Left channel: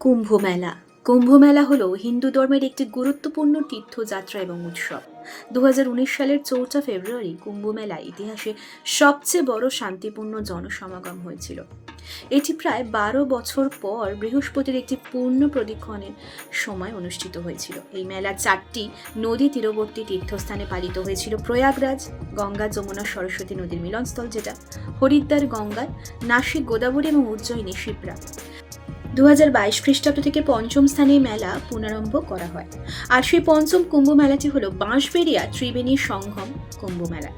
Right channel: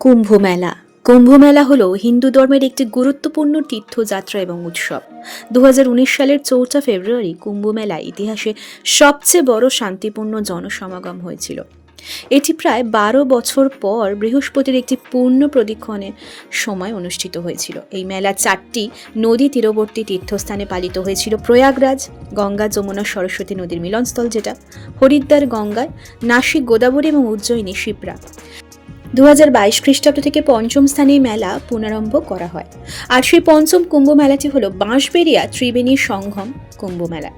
কুম্ভ মেলা হল হিন্দু ধর্মের একটি গুরুত্বপূর্ণ তীর্থযাত্রা এবং উৎসব। 2019 সালের 4 ফেব্রুয়ারি কুম্ভ মেলা ইতিহাসে সবচেয়ে বড় শান্তিপূর্ণ জনসমাগম হয়েছিল। এটি প্রায় 12 বছর পর বৃহস্পতির একটি পূর্ণ প্রদক্ষিণের সময় অনুষ্ঠিত হয়েছিল। এই মেলা 4টি নদী তীরবর্তী তীর্থস্থানে পালিত হয়েছিল: প্রয়াগরাজ, গঙ্গা যমুনা সরস্বতী নদীর মিলনস্থল যেটা, হরিদ্বার গঙ্গায়, নাসিক গোদাবরী এবং উজ্জয়িনী শিপ্রা। 2022 খ্রিস্টাব্দ থেকে পঞ্চম স্থানে মেলা পুনরারম্ভ করা হয়। আর সেই পঞ্চম কুম্ভ মেলাটি হলো বাঁশবেড়িয়া ত্রিবেণী সঙ্গম কুম্ভ মেলা।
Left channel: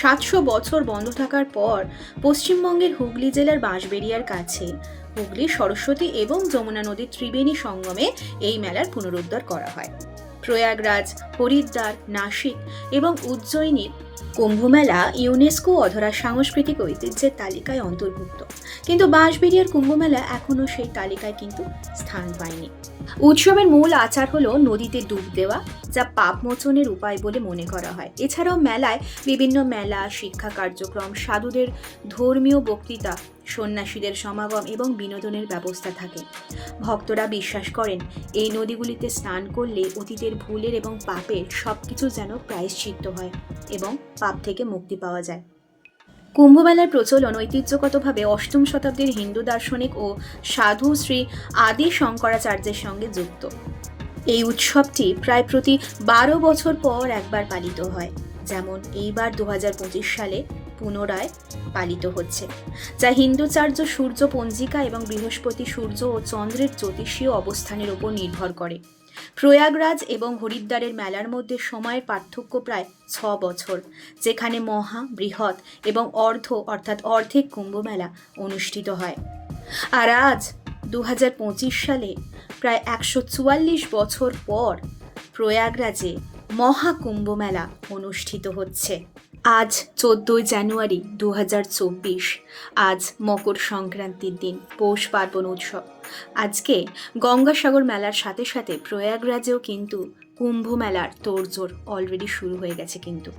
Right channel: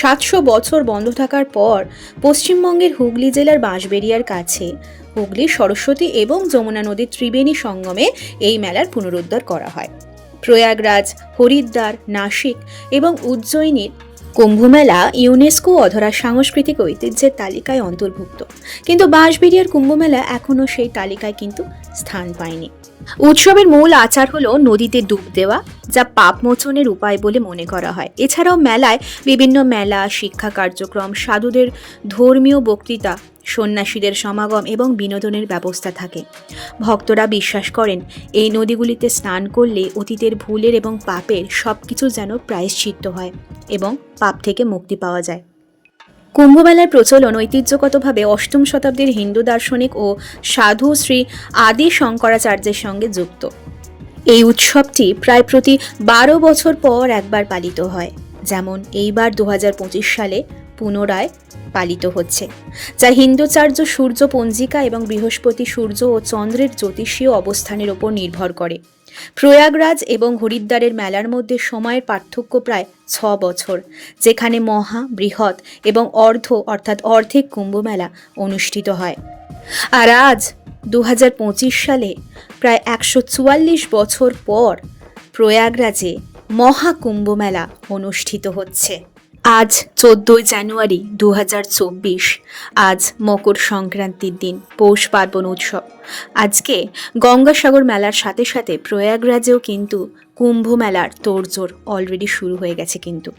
700 বছর বন্ধ থাকার পর পশ্চিমবঙ্গের হুগলি জেলার বাঁশবেড়িয়ার কাছে হুগলি, সরস্বতী এবং যমুনা নদীর ত্রিবেণী সঙ্গমে এই মেলার পুনরুদ্ধার করা হয়। প্রয়াগরাজ, হরিদ্বার, নাসিক এবং উজ্জয়িনীর কুম্ভমেলা ইউনেস্কো অধরা সাংস্কৃতিক ঐতিহ্যের তালিকায় অন্তর্ভুক্ত, কিন্তু বাঁশবেড়িয়ার কুম্ভমেলা এখনও সেই তালিকায় কিন্তু স্থান পায়নি। উৎসবের মূল আচার হলো নদীতে ডুব দেওয়া, যা পাপ মোচনের উপায় বলে মনে করা হয়। এছাড়াও মেলায় বিভিন্ন মেলা, শিক্ষা কার্যক্রম, সাধুদের ধর্মীয় বক্তৃতা, সন্ন্যাসীদের সমাগম এবং বিনোদনের ব্যবস্থা থাকে। ভক্তরা বিশ্বাস করেন এই নদীগুলিতে স্নান করলে অতীতের ভুলের এবং পাপের সবকিছু যেন প্রায়শ্চিত্ত হয় এবং পাপ থেকে মুক্তি পাওয়া যায়। কুম্ভমেলার প্রচলন ঐতিহ্যগতভাবে 8ম শতাব্দীর হিন্দু দার্শনিক ও সাধু শ্রী আদি শঙ্করাচার্যের সঙ্গে যুক্ত। এই উৎসবটি প্রায় প্রতি 12 বছর পর একবার পালিত হয়, যেমন এইবার 2025 সালে পুনরায় পালিত হচ্ছে, যা হিন্দুচার্য সূর্য পঞ্জিকা এবং বৃহস্পতি, সূর্য ও চন্দ্রের জ্যোতিষীয় অবস্থানের উপর নির্ভর করে। প্রয়াগরাজ এবং হরিদ্বারের মেলার মধ্যে সময়ের পার্থক্য প্রায় 6 বছর, যেখানে মহা, বৃহৎ এবং অর্ধেক কুম্ভ মেলা অনুষ্ঠিত হয়। আর আজ 2025 সালে প্রায় 144 বছর পর প্রয়াগরাজে মহাকুম্ভ মেলা অনুষ্ঠিত হচ্ছে। আজ 14 জানুয়ারি 2024, আজ মকর সংক্রান্তির দিন, পৌষ পার্বণ উৎসব। আজকে গঙ্গাসাগর মেলার সাথে সাথে প্রয়াগরাজেও কিন্তু কুম্ভ মেলার তোড়জোড় অলরেডি শুরু হয়ে গেছে। কিন্তু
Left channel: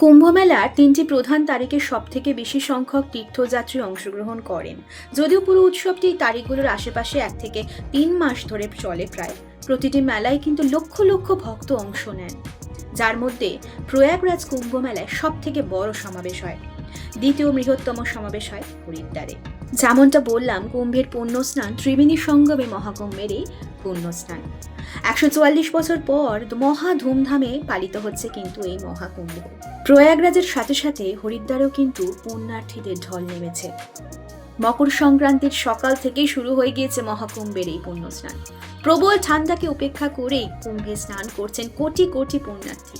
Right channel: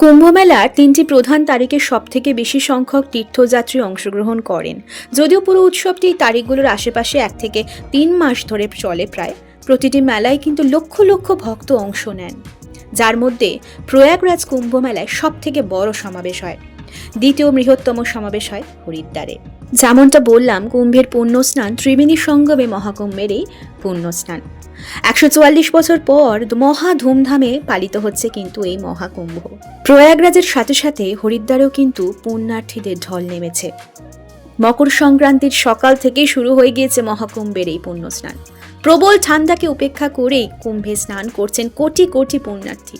কুম্ভ মেলার 3টি প্রধান তারিখে সবথেকে বেশি সংখ্যক তীর্থযাত্রী অংশগ্রহণ করেন। যদিও পুরো উৎসবটি তারিখগুলোর আশেপাশে 1 থেকে 3 মাস ধরে চলে, প্রায় প্রতিটি মেলায় কিন্তু লক্ষ লক্ষ ভক্ত অংশ নেন, যার মধ্যে প্রয়াগরাজ কুম্ভ মেলায় সব থেকে বড় সমাবেশ হয়। দ্বিতীয় বৃহত্তম সমাবেশ হয় হরিদ্বারে। যেমনটা বললাম, কুম্ভের পুণ্যস্নান ত্রিবেণী সঙ্গমে মহাকুম্ভের এই পুণ্যস্নান 144 বছর পর মহা ধুমধামে পালিত হচ্ছে কিন্তু এই মহাকুম্ভ। প্রয়াগরাজের সাথে সাথে হরিদ্বারেও কিন্তু পুণ্যার্থীদের ঢল নেমেছে। মকর সংক্রান্তির সকাল থেকেই শুরু হয়ে গিয়েছে মহাকুম্ভের এই পুণ্যস্নান। প্রবল ঠান্ডাকে উপেক্ষা করেই কুম্ভে স্নান করছেন কোটি কোটি পুণ্যার্থী।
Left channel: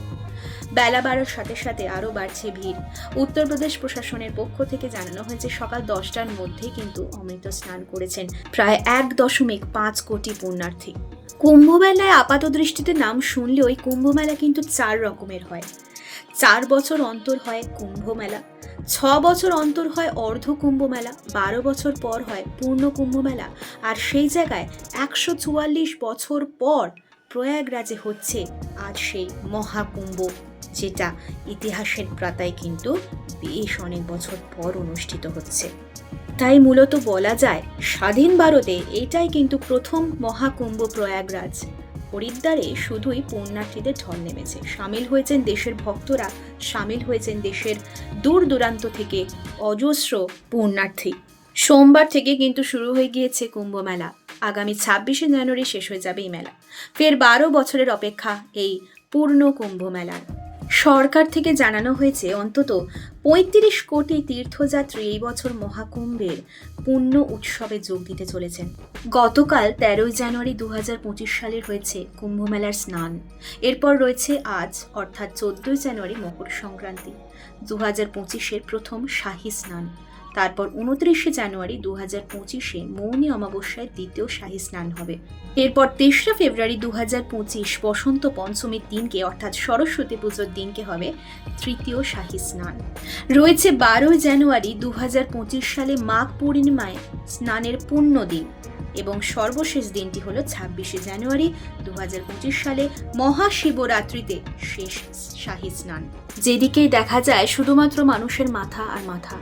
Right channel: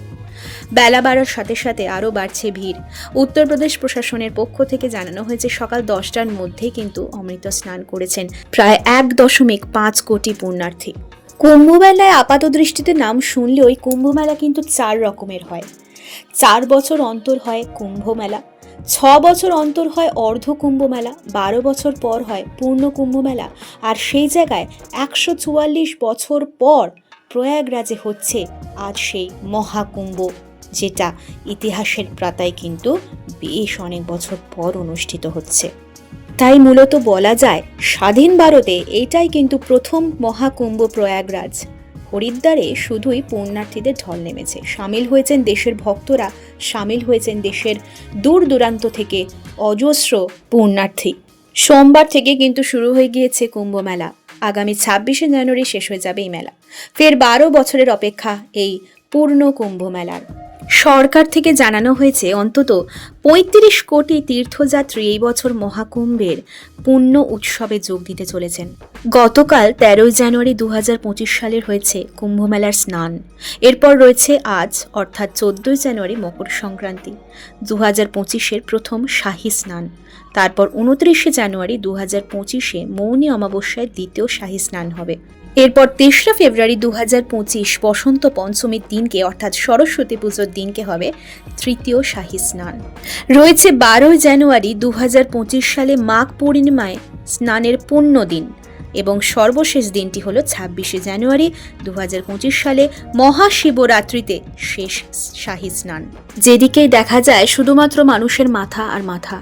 বেলা বাড়ার সাথে সাথে আরও বাড়ছে ভিড়। উত্তরপ্রদেশ প্রশাসনের পক্ষ থেকে জানানো হয়েছে সকাল 10টার মধ্যেই কিন্তু অমৃত স্নান করেছেন প্রায় 1.5 কোটি পুণ্যার্থী। কুম্ভমেলায় আপাত দৃষ্টিতে নাম শুনলেও ওই কুম্ভমেলা কিন্তু 4 রকমের হয়। 4 বছর অন্তর হয় কুম্ভ মেলা, 6 বছর অন্তর হয় অর্ধ কুম্ভ মেলা, 12 বছর পর হয় পূর্ণ কুম্ভ মেলা, আর সেই জায়গায় 144 বছর পর প্রয়াগরাজে হচ্ছে আজ সেই মহাকুম্ভ, যেটা ইতিহাসের পাতায় কিন্তু বেশ অনেক বছর পর অনুষ্ঠিত হচ্ছে। তাই মূলত বলা যায় স্বাধীন ভারতে এটাই কিন্তু প্রথম মহাকুম্ভ প্রয়াগরাজ। হরিদ্বারে শুধুই পুণ্যার্থীদের ঢল নেমেছে, সামিল হয়েছেন দেশের ভক্তরা, সামিল হয়েছেন দেশের দূর দূরান্ত থেকে অজস্র পুণ্যার্থী। সোমবার থেকে কিন্তু শুরু হয়ে গিয়েছে কুম্ভ মেলা। আগামী 26 জানুয়ারি শেষ হয়ে যাবে এই মেলা। ফের 12 বছরের অপেক্ষা এই পূর্ণ কুম্ভ মেলার। সরকার থেকে জানানো হয়েছে অন্তত 35 কোটি তীর্থযাত্রী এই বছর মহাকুম্ভের পুণ্য উৎসবে যোগ দিতে চলেছেন। গতকাল 13 জানুয়ারি 2025 সালের হয়েছে কুম্ভ মেলার স্নান। এরপর রয়েছে আজ অর্থাৎ 14 জানুয়ারি মকর সংক্রান্তি, 2025-এর প্রথম শাহী স্নান। তারপর 29 জানুয়ারি 2025-এ মৌনী অমাবস্যায় দ্বিতীয় শাহী স্নান হবে। এরপর 3 ফেব্রুয়ারি 2025 বসন্ত পঞ্চমীর দিনকে অর্থাৎ সরস্বতী পুজোর দিনকে হবে তৃতীয় শাহী স্নান। রয়েছে 12 জানুয়ারি 2025 সালে মাঘ পূর্ণিমায় স্নানের পুণ্য দিন, এবং সর্বশেষ দিনটি হলো ২৬শে জানুয়ারি ২০২৫ সালে মহাশিবরাত্রিতে শেষ শাহী স্নান। যেদিকেই দেখা যায় শুধুমাত্র মানুষের মাথা আর মাথা।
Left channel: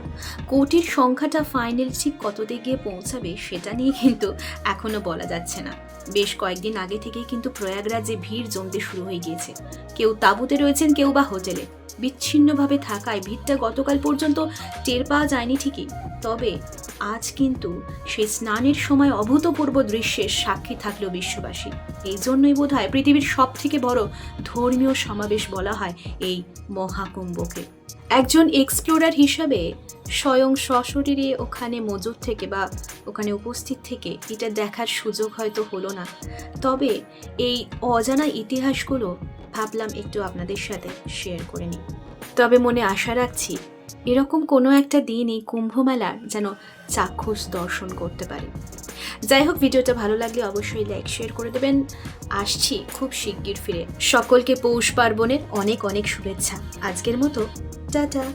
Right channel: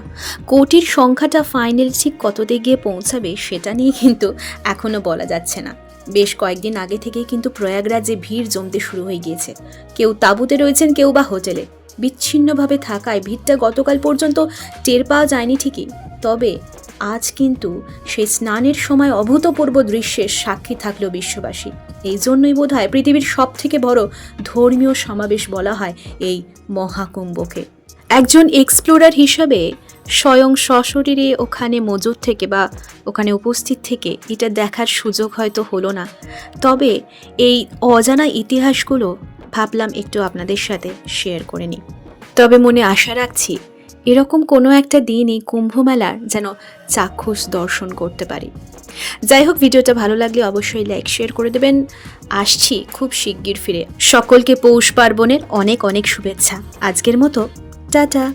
কোটির সংখ্যাটা ফাইনাল ঠিক কততে গিয়ে পৌঁছাবে সেটা নিয়ে কিন্তু এখনো বলা যাচ্ছে না। বেশ কয়েকদিন আগে থেকেই কিন্তু প্রয়াগরাজে ভিড় জমতে শুরু হয়ে গিয়েছে। কেউ তাঁবুতে রয়েছেন, কেউ বা হোটেলে। বিচ্ছিন্নভাবে থাকায় ভিড়টা গতকাল পর্যন্ত টের পাওয়া যায়নি ঠিকই, তবে আজ কিন্তু সেই স্নানের সময় অভূতপূর্ব দৃশ্যের সাক্ষী থাকলো বিশ্ববাসী। এই জন্যই বোধহয় পৃথিবীর সব থেকে বড় ধর্মীয় সমাবেশ বলা হয় এই মহাকুম্ভকে। একজন এক্সপ্লোরার হিসাবে স্বয়ং সশরীরে ওখানে মজুদ থেকে বা ওখানে উপস্থিত থেকে এটা দেখার সুযোগ হয়তো হলো না, তবে এই অজানা ইতিহাসগুলো ভাবলাম একটু আপনাদের সাথে শেয়ার করে নিই। তবে মনে আশা রাখছি এরকম কোনো একটা দিন এই কুম্ভমেলার যেন চাক্ষুষ দর্শন করতে পারি। যাই হোক, ভিডিওটা ভালো লাগলে অবশ্যই লাইক শেয়ার করে দেবেন। আসছি খুব শিগগির ফিরে। সকলকে পৌষ পার্বণের অনেক অনেক শুভেচ্ছা। আজকের মতো টাটা।